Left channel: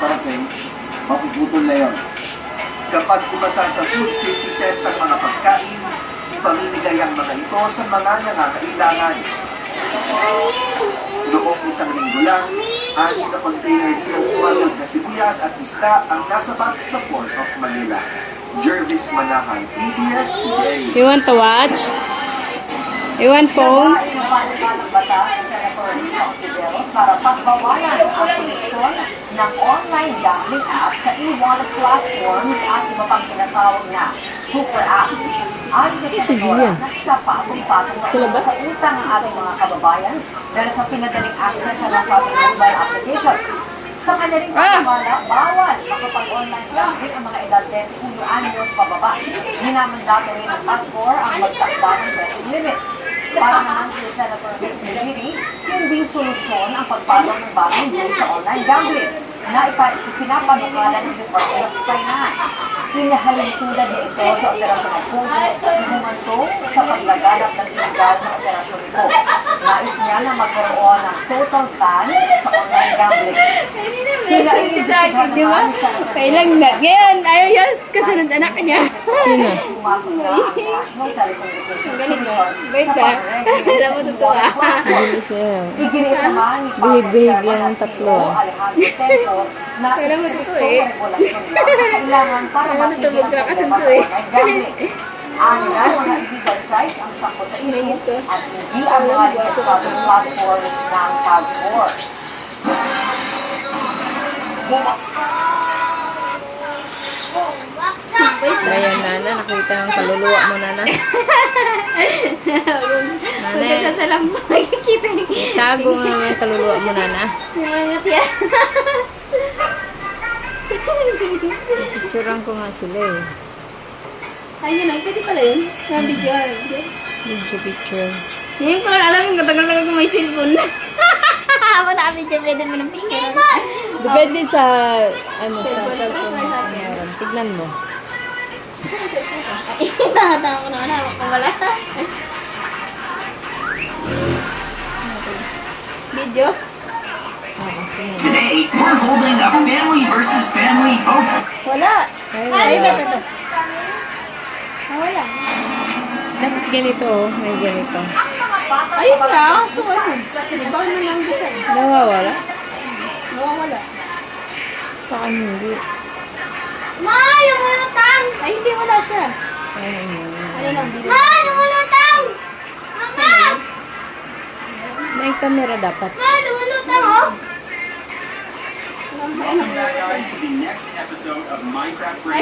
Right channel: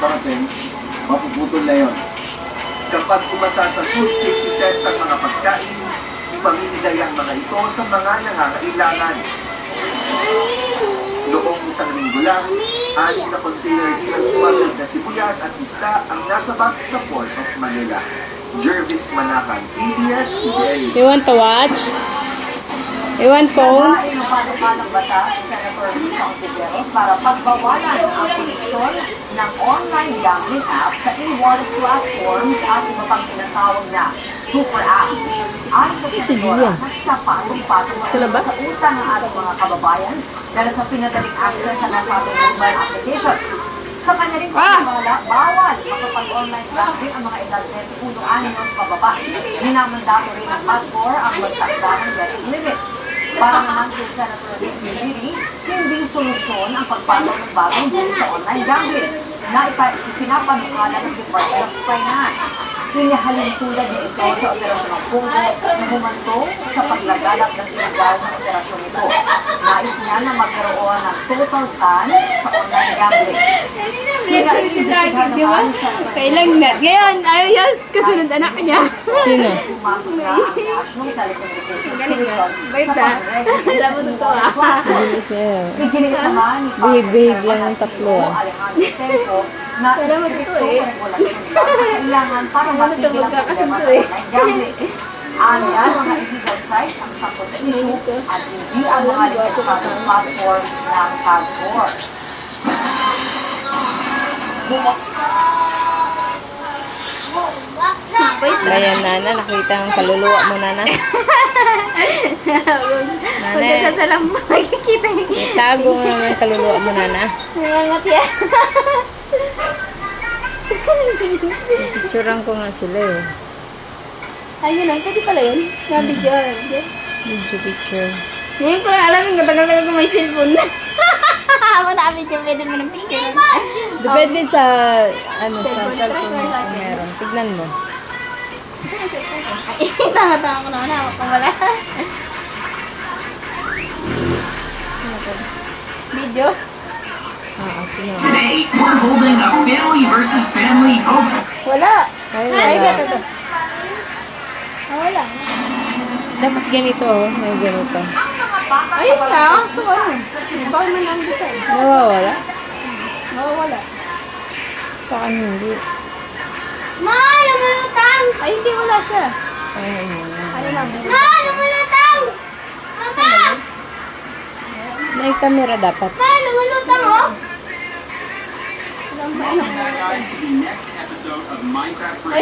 parating, mapuputol na yon. Kapag umasa sa food safety test ang mga pagkain, ipamimigay ang mga ito sa mga nangangailangan. Noong isang linggo lang, 6 na container ng smuggled na sibuyas at isda ang nasabat sa Port of Manila. Jervis Manahan, ABS-CBN. You want to watch? You want phone? Ng batas sa Senator Risa Ontiveros para pagbawalan ang koneksyon ng online gambling apps sa e-wallet platforms at iba pang tinatawag na super apps. Ayon sa Senadora, nasa patong-patong Sa labas? sa utang ng ating mga kababayan dahil sa pinadaling access sa nasabing mobile application. Sa kanya rin paniwala, bawal makapag-online gambling ang mga edad 21 anyos pababa. Minamandato rin ng PASCOR ang magtakda ng betting limit. Para naman kay Senator Vic Mediri, hindi solusyon ang pagpasok ng bagong bill sa online gambling na ipinapanukala ng Department of Finance. Hinahalin tulad niya ito sa operasyon ng Pungo na humantong sa paglaganap ng illegal na operasyon ito. Nais niya na magkaroon ng total ban sa online gambling. Listen to that, di ba? Kailang na. Ngayon, ayaw yan. Kasunod anak niya. Sino? Ang galing ba? Bait ha? Alam mo totoo ah. Bilis niya. Behave lang ng tatlo ah. Alam mo totoo eh. Alam mo totoo magkakasunto eh. Anda mga illegal site ang sakot sa ito at hindi ang mga illegal platforms ng PASCOR. Ayan, Nana. Nakita ang kaluluwa mo, Nana. Kung nasasalam mo, makikita yun. Itago mo naman yung kaluluwa mo, Nana. Nangangat yan. Picturean ko nga sila eh. Ayun lang, pwede pala yun. Nga-video. Video picture. Ngayon ko lang alam yung katagal-tagal ko may cellphone. Habang naka-video, pwede mo ng picture. Depende sa, ano, sa cellphone mo kung meron. Tignan mo. Ay, tanga-tanga ko na. Hawak ko wala. Video? Tignan mo. Today, we're holding a family versus family oaks. Wala. Ay, Ay, wala. ito. Wala. Dapat ganito, oh. May ganito. Ayun nga. So, ano? Bawal man lang design. Nawawala? Mawawala. Sa akin hindi. Ma, lumulutang! Ay, hindi wala siya. Ay, Ano lang? Ma, lumulutang! Mama! may camera dapat. Ma, lumulutang, oh! Welcome back to the next episode of Minecraft